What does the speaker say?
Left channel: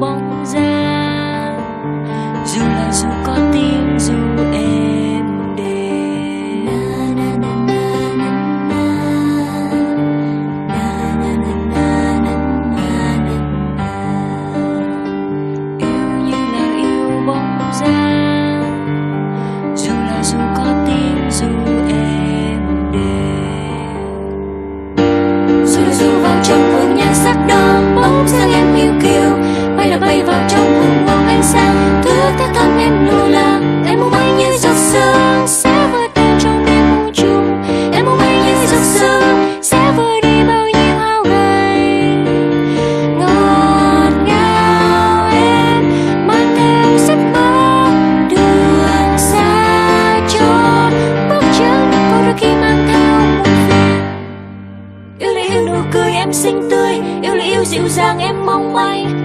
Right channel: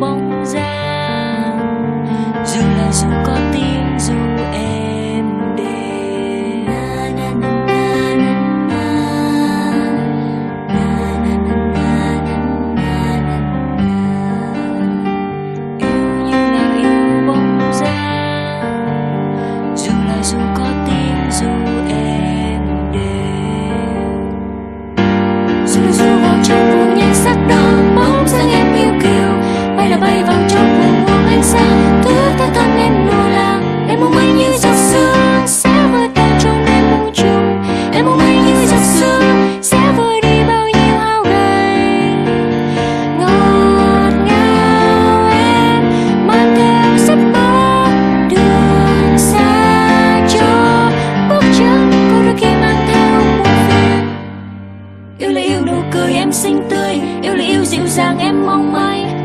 Bóng dáng dù có tiếng dù êm đềm, yêu như là yêu bóng dáng dù có tiếng dù êm đềm, dù vào trong cuồng nhạc sắc đỏ bóng dáng em yêu kiều bay vào trong buồng buông ánh sáng thức ta thân em lùa là em mong mây như giọt sương sẽ vơi tan trong đêm muôn trùng, em mong mây như giọt sương sẽ vơi đi bao nhiêu hao gầy. Ngọt ngào em mang theo giấc mơ đường xa cho bước chân có đôi khi mang theo muôn phiền. Yêu là yêu nụ cười em xinh tươi, yêu là yêu dịu dàng em mong manh.